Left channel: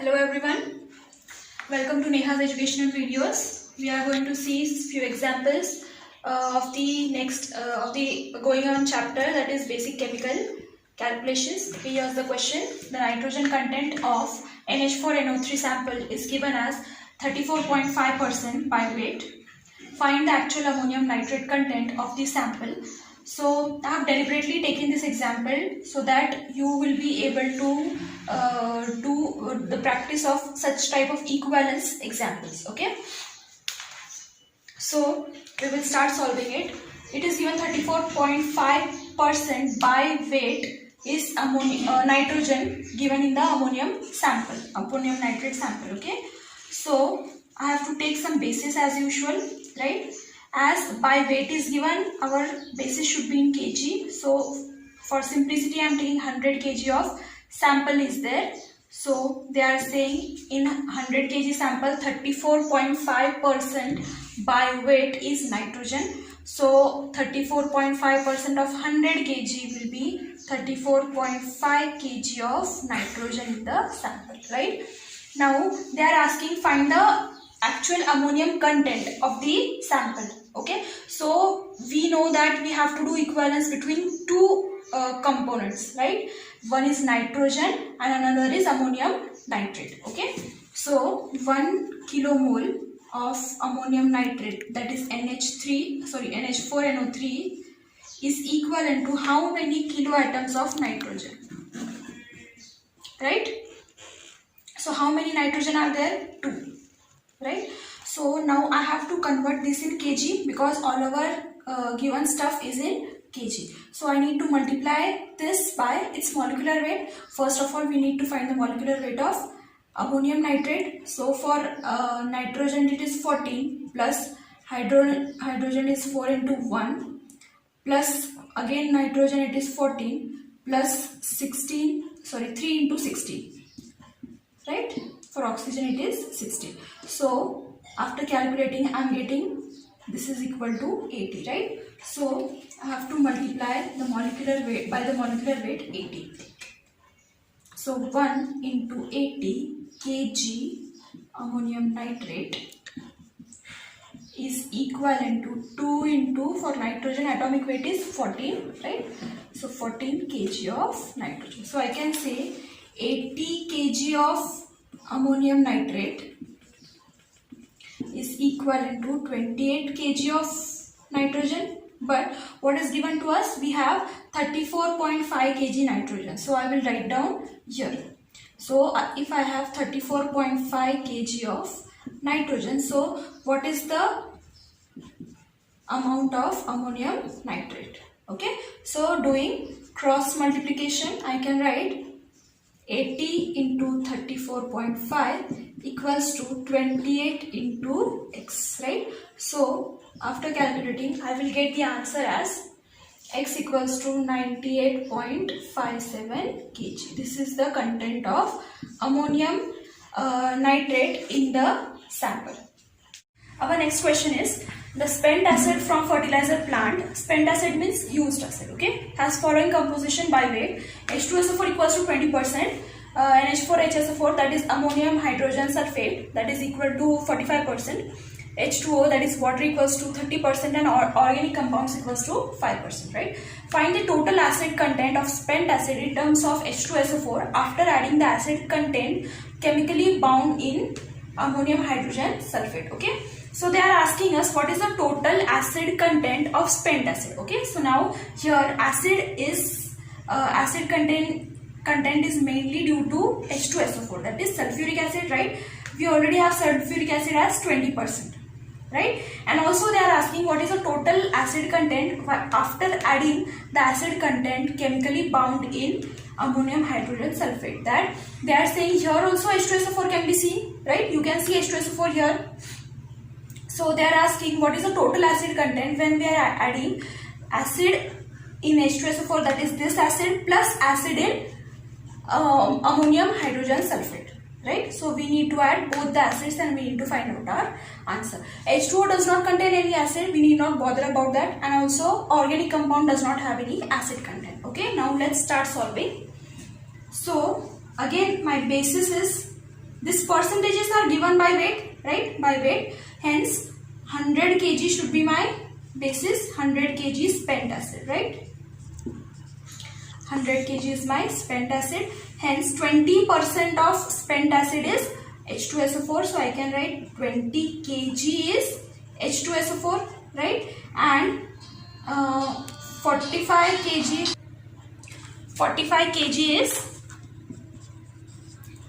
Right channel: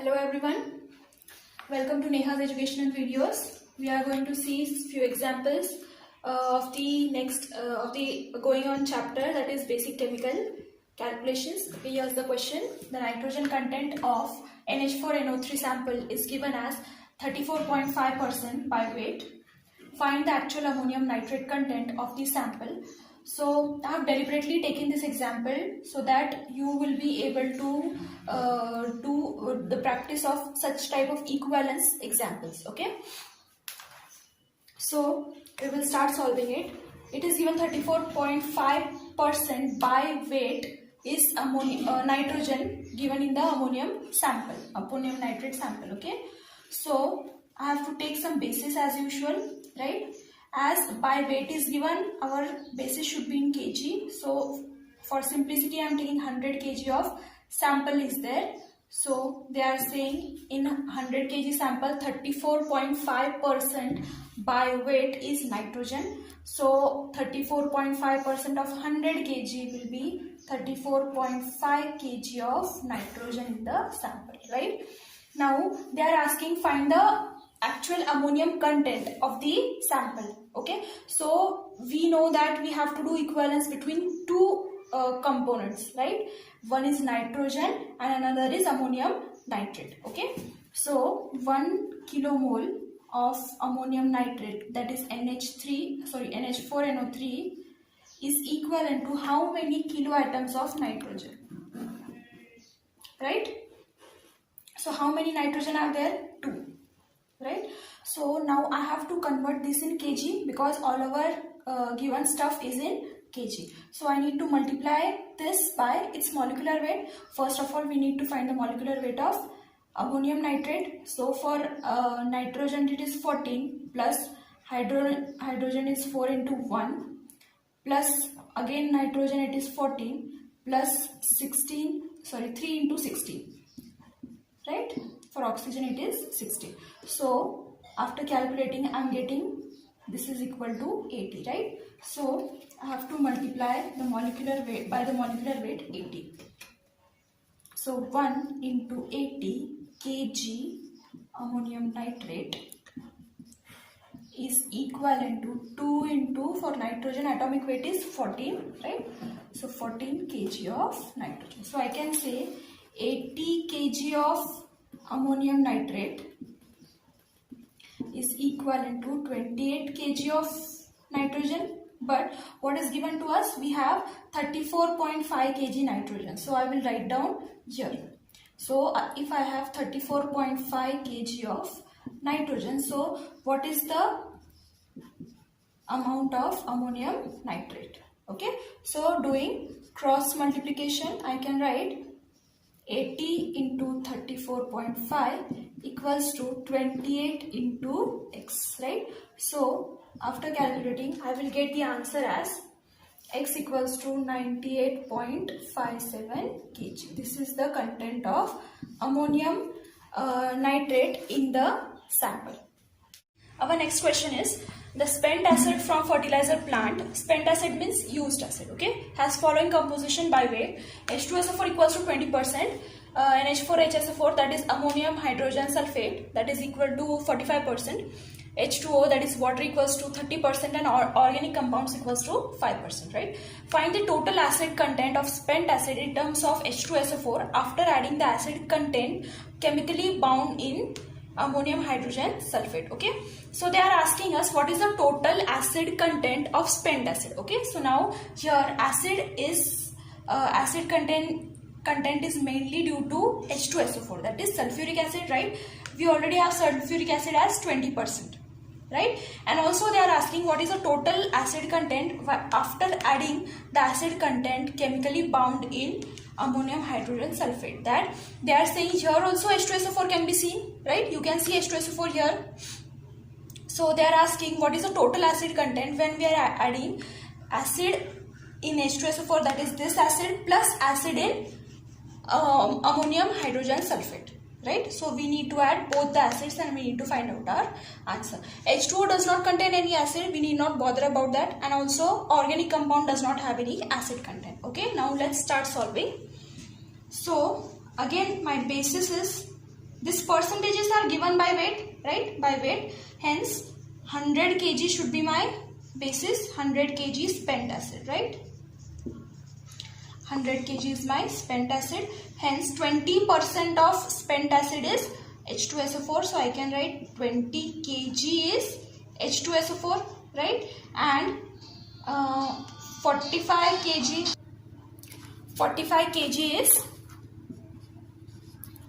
Hello everyone, welcome to Neha's educational videos. We are going to see few examples of the going on chapter, that is basic chemical calculations. Here's the question. The nitrogen content of NH4NO3 sample is given as 34.5% by weight. Find the actual ammonium nitrate content of the sample. So I have deliberately taken this example so that you will be able to do the practice of such type of equivalence examples. Okay, so we will start solving it. It is given 34.5% by weight is nitrogen given in the ammonium nitrate sample. Okay, so I have to take some basis as usual, right? As by weight is given, our basis should be in kg. So for simplicity I am taking 100 kg of sample is there. So they are saying in 100 kg sample 34.5% by weight is nitrogen. So 34.5% of 100 kg will be 34.5 kg of nitrogen in the sample, right? Now they are asking find the actual ammonium content of the sample. Okay, so we know that we have to do equivalence between two components, right? One is nitrogen and another is ammonium nitrate. Okay, so 1 kilomole of ammonium nitrate, that is NH4NO3 is equivalent to how many kiloatoms of nitrogen, right? So how many nitrogen are there? 2, right? So now I have to convert this in kg because all our given stuff is in kg. So I need to multiply this by its molecular weight. First of all, we need to find the molecular weight of ammonium nitrate. So for nitrogen it is 14 plus hydrogen is 4 into 1 plus again nitrogen it is 14 plus 3 into 16, right? For oxygen it is 16. So after calculating I am getting this is equal to 80, right? So I have to multiply the molecular weight by the molecular weight 80. So 1 into 80 kg ammonium nitrate is equivalent to 2 into, for nitrogen atomic weight is 14, right? So 14 kg of nitrogen. So I can say 80 kg of ammonium nitrate is equivalent to 28 kg of nitrogen. But what is given to us? We have 34.5 kg nitrogen. So I will write down here. So if I have 34.5 kg of nitrogen, so what is the amount of ammonium nitrate? Okay, so doing cross multiplication I can write 80 into 34.5 equals to 28 into x, right? So after calculating I will get the answer as x equals to 98.57 kg. This is the content of ammonium nitrate in the sample. Our next question is the spent acid from fertilizer plant. Spent acid means used acid, okay, has following composition by weight. H2SO4 equals to 20%, NH4HSO4 that is ammonium hydrogen sulfate that is equal to 45%, H2O that is water equals to 30%, and organic compounds equals to 5%, right? Find the total acid content of spent acid in terms of H2SO4 after adding the acid content chemically bound in ammonium hydrogen sulfate. Okay, so they are asking us what is the total acid content of spent acid. Okay, so now here acid content is mainly due to H2SO4, that is sulfuric acid, right? We already have sulfuric acid as 20%, right? And also they are asking what is the total acid content after adding the acid content chemically bound in ammonium hydrogen sulfate. That they are saying here also H2SO4 can be seen, right? You can see H2SO4 here. So they are asking what is the total acid content when we are adding acid in H2SO4, that is this acid plus acid in ammonium hydrogen sulfate, right? So we need to add both the acids and we need to find out our answer. H2O does not contain any acid, we need not bother about that, and also organic compound does not have any acid content. Okay, now let's start solving. So again my basis is These percentages are given by weight, right? By weight. Hence 100 kg should be my basis. 100 kg spent acid, right? 100 kg is my spent acid. Hence 20% of spent acid is H2SO4. So I can write 20 kg is H2SO4, right? And 45 kg is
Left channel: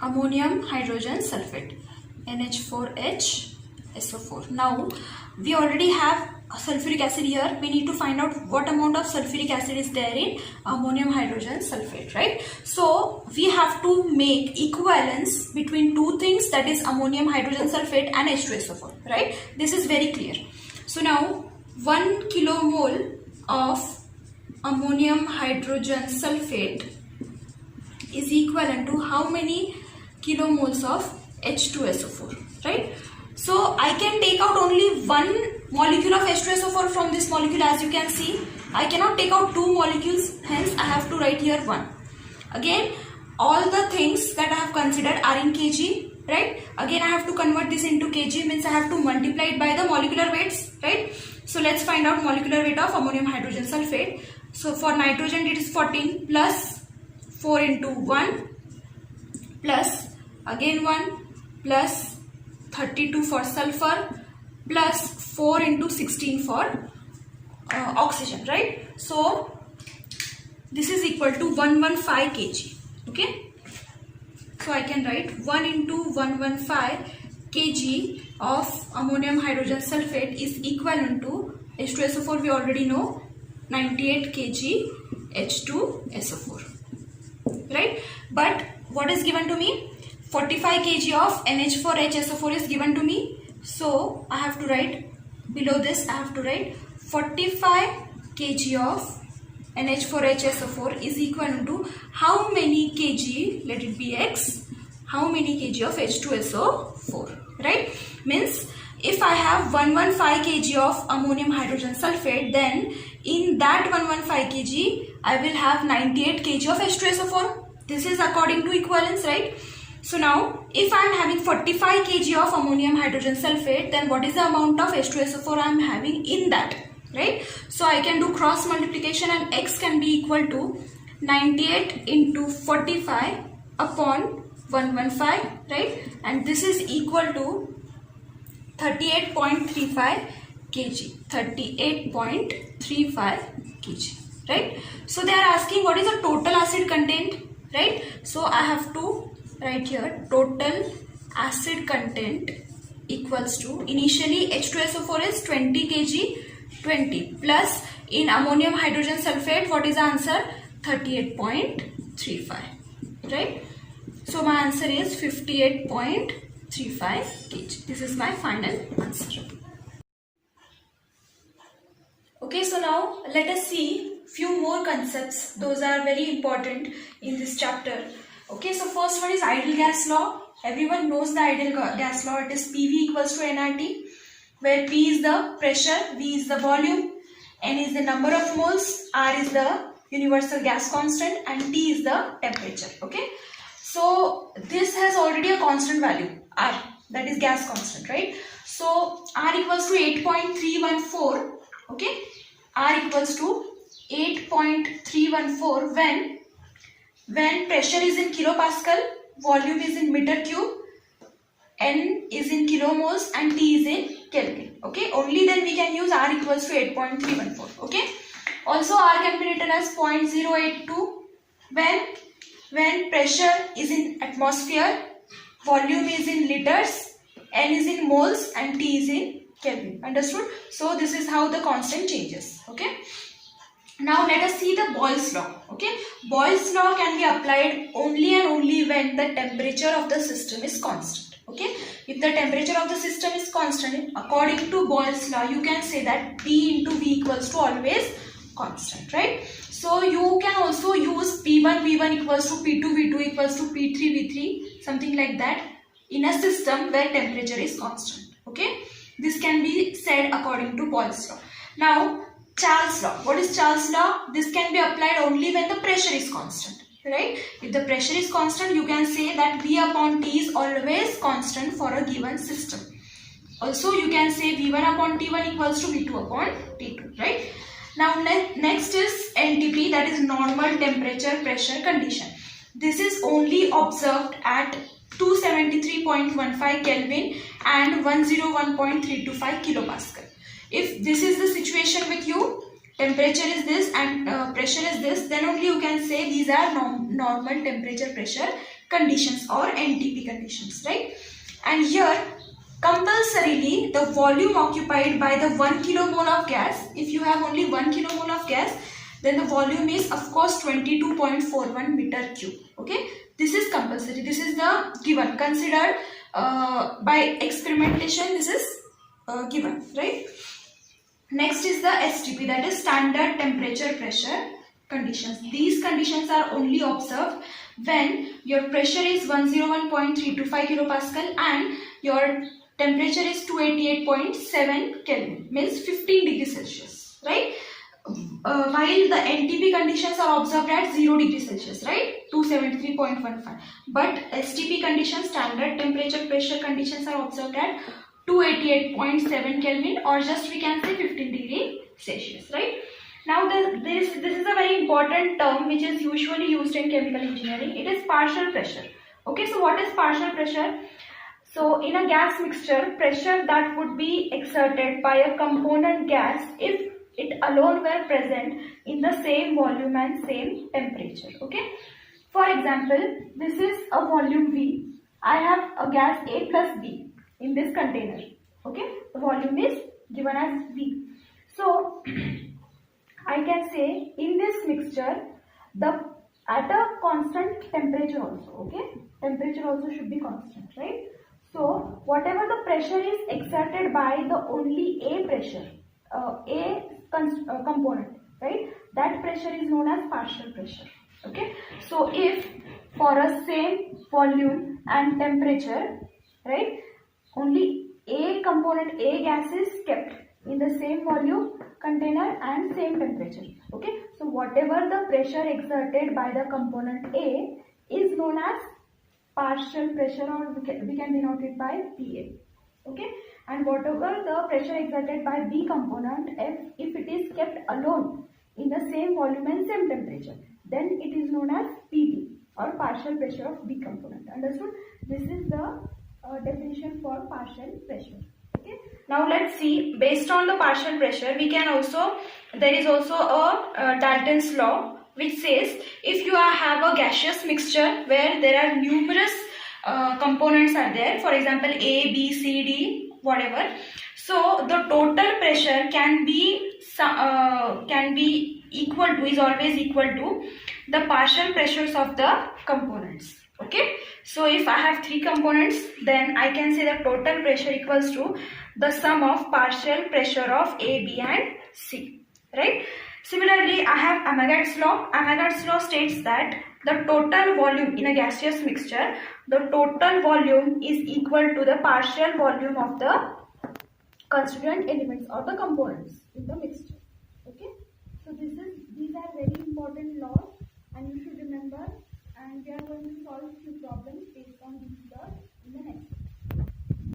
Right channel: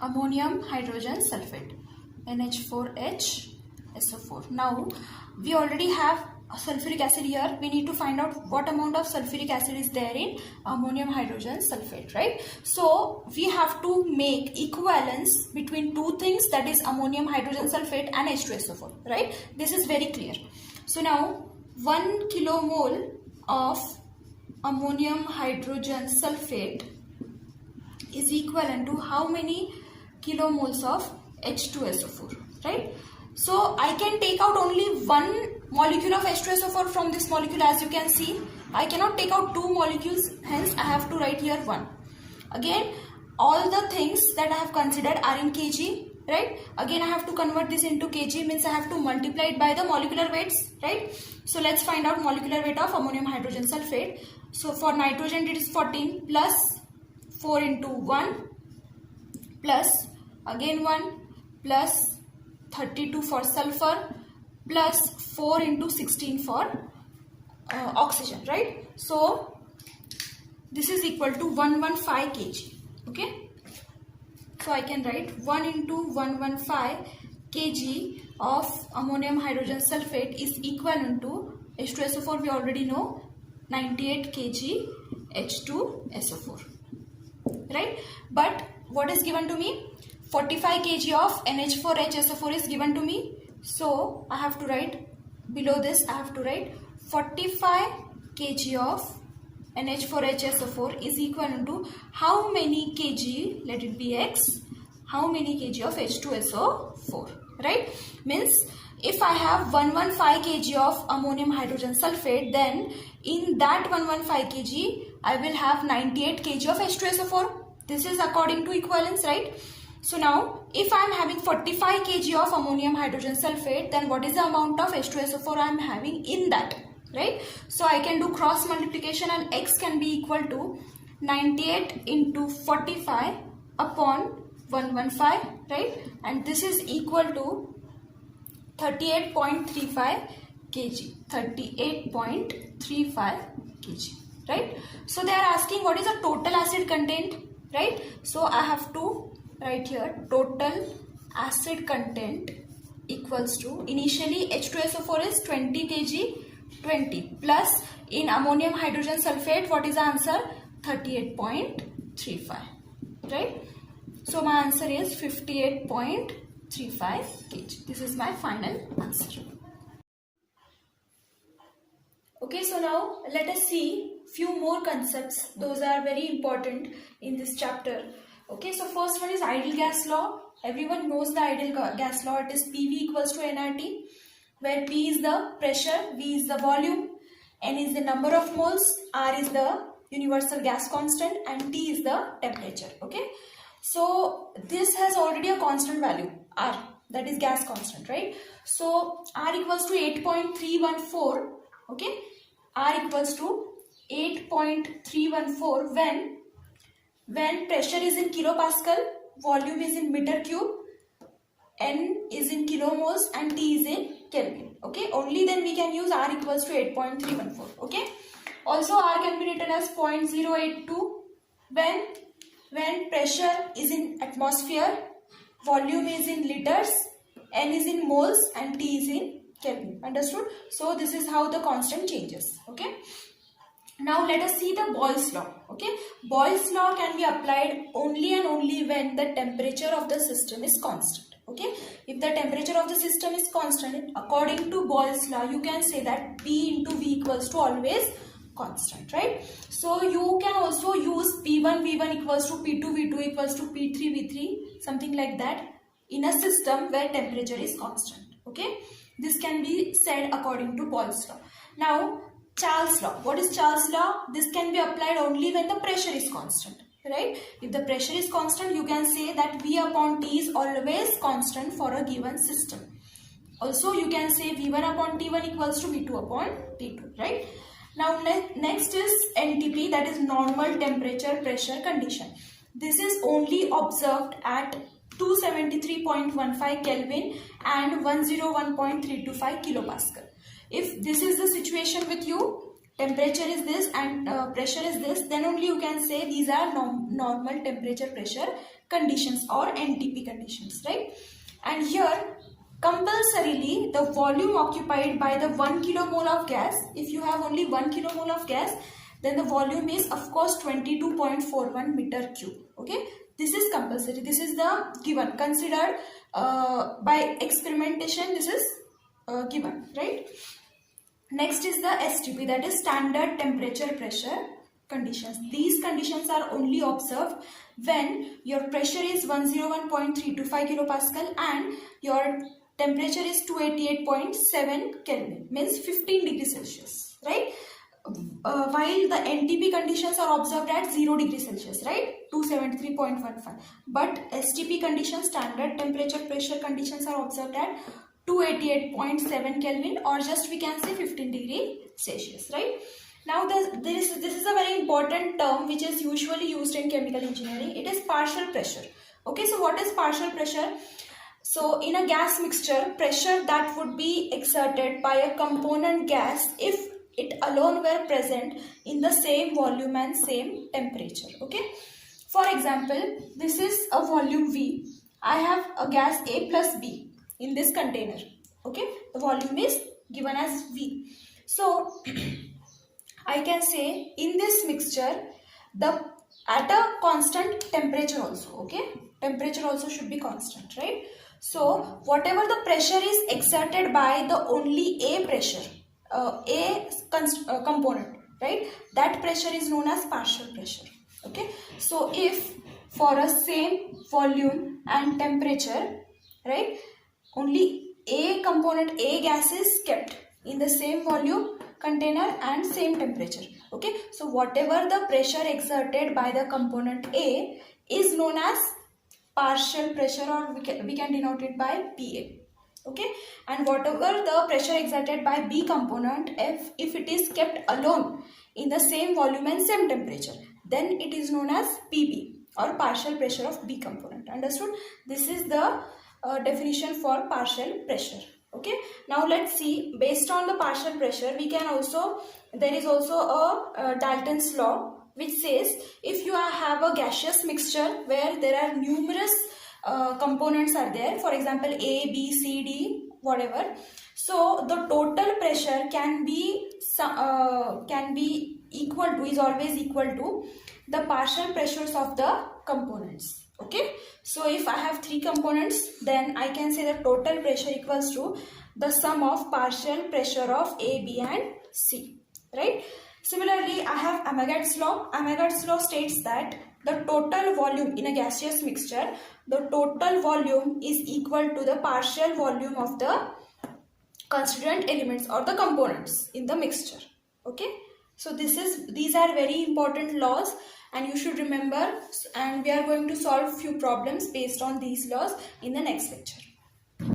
ammonium hydrogen sulfate, NH4HSO4. Now we already have sulfuric acid here. We need to find out what amount of sulfuric acid is there in ammonium hydrogen sulfate, right? So we have to make equivalence between two things, that is ammonium hydrogen sulfate and H2SO4, right? This is very clear. So now 1 kilomole of ammonium hydrogen sulfate is equivalent to how many kilomoles of H2SO4, right? So I can take out only one molecule of H2SO4 from this molecule, as you can see. I cannot take out two molecules, hence I have to write here 1. Again, all the things that I have considered are in kg, right? Again, I have to convert this into kg, means I have to multiply it by the molecular weights, right? So let's find out molecular weight of ammonium hydrogen sulfate. So for nitrogen it is 14 plus 4 into 1 plus again 1 plus 32 for sulfur plus 4 into 16 for oxygen, right? So this is equal to 115 kg, okay? So I can write 1 into 115 kg of ammonium hydrogen sulfate is equivalent to H2SO4, we already know, 98 kg H2SO4, right? But what is given to me? 45 kg of NH4HSO4 is given to me. So I have to write below this, I have to write 45 kg of NH4HSO4 is equivalent to how many kg, let it be X, how many kg of H2SO4, right? Means if I have 115 kg of ammonium hydrogen sulfate, then in that 115 kg I will have 98 kg of H2SO4. This is according to equivalence, right? So now if I am having 45 kg of ammonium hydrogen sulfate, then what is the amount of H2SO4 I am having in that, right? So I can do cross multiplication and X can be equal to 98 into 45 upon 115, right? And this is equal to 38.35 kg, 38.35 kg, right? So they are asking what is the total acid content, right? So I have to write here total acid content equals to, initially H2SO4 is 20 kg, 20 plus in ammonium hydrogen sulfate, what is the answer? 38.35, right? So my answer is 58.35 kg. This is my final answer. Okay, so now let us see few more concepts. Those are very important in this chapter. Okay, so first one is ideal gas law. Everyone knows the ideal gas law. It is PV equals to nRT, where P is the pressure, V is the volume, N is the number of moles, R is the universal gas constant, and T is the temperature. Okay, so this has already a constant value, R, that is gas constant, right? So R equals to 8.314. Okay, R equals to 8.314 when pressure is in kilopascal, volume is in meter cube, N is in kilomoles, and T is in Kelvin. Okay, only then we can use R equals to 8.314. Okay, also R can be written as 0.082 when pressure is in atmosphere, volume is in liters, N is in moles, and T is in Kelvin. Understood? So this is how the constant changes. Okay. Now let us see the Boyle's law. Okay, Boyle's law can be applied only and only when the temperature of the system is constant. Okay, if the temperature of the system is constant, according to Boyle's law, you can say that P into V equals to always constant, right? So you can also use P1 V1 equals to P2 V2 equals to P3 V3, something like that, in a system where temperature is constant. Okay, this can be said according to Boyle's law. Now Charles' law. What is Charles' law? This can be applied only when the pressure is constant, right? If the pressure is constant, you can say that V upon T is always constant for a given system. Also, you can say V1 upon T1 equals to V2 upon T2, right? Now, next is NTP, that is normal temperature pressure condition. This is only observed at 273.15 Kelvin and 101.325 kilopascal. If this is the situation with you, temperature is this and pressure is this, then only you can say these are normal temperature pressure conditions or NTP conditions, right? And here, compulsorily, the volume occupied by the 1 kilomole of gas, if you have only 1 kilomole of gas, then the volume is of course 22.41 meter cube. Okay, this is compulsory. This is the given, considered by experimentation. This is given, right? Next is the STP, that is standard temperature pressure conditions. These conditions are only observed when your pressure is 101.325 kilopascal and your temperature is 288.7 Kelvin, means 15 degrees Celsius, right? While the NTP conditions are observed at 0 degrees Celsius, right? 273.15. But STP conditions, standard temperature pressure conditions, are observed at 288.7 Kelvin, or just we can say 15 degree Celsius, right? Now this is a very important term which is usually used in chemical engineering. It is partial pressure. Okay, so what is partial pressure? So in a gas mixture, pressure that would be exerted by a component gas if it alone were present in the same volume and same temperature. Okay, for example, this is a volume V. I have a gas A plus B in this container. Okay, the volume is given as V. So I can say in this mixture, at a constant temperature also. Okay, temperature also should be constant, right? So whatever the pressure is exerted by the only A pressure, component, right, that pressure is known as partial pressure. Okay, so if for a same volume and temperature, right, only A component, A gas is kept in the same volume, container and same temperature. Okay, so whatever the pressure exerted by the component A is known as partial pressure, or we can denote it by PA. Okay, and whatever the pressure exerted by B component, if it is kept alone in the same volume and same temperature, then it is known as PB, or partial pressure of B component. Understood? This is the definition for partial pressure. Okay, now let's see, based on the partial pressure, we can also, there is also a Dalton's law which says if you have a gaseous mixture where there are numerous components are there, for example A, B, C, D, whatever, so the total pressure can be equal to, is always equal to the partial pressures of the components. Okay, so if I have 3 components, then I can say the total pressure equals to the sum of partial pressure of A, B and C, right? Similarly, I have Amagat's law. Amagat's law states that the total volume in a gaseous mixture, the total volume is equal to the partial volume of the constituent elements or the components in the mixture. Okay, so these are very important laws and you should remember, and we are going to solve few problems based on these laws in the next lecture.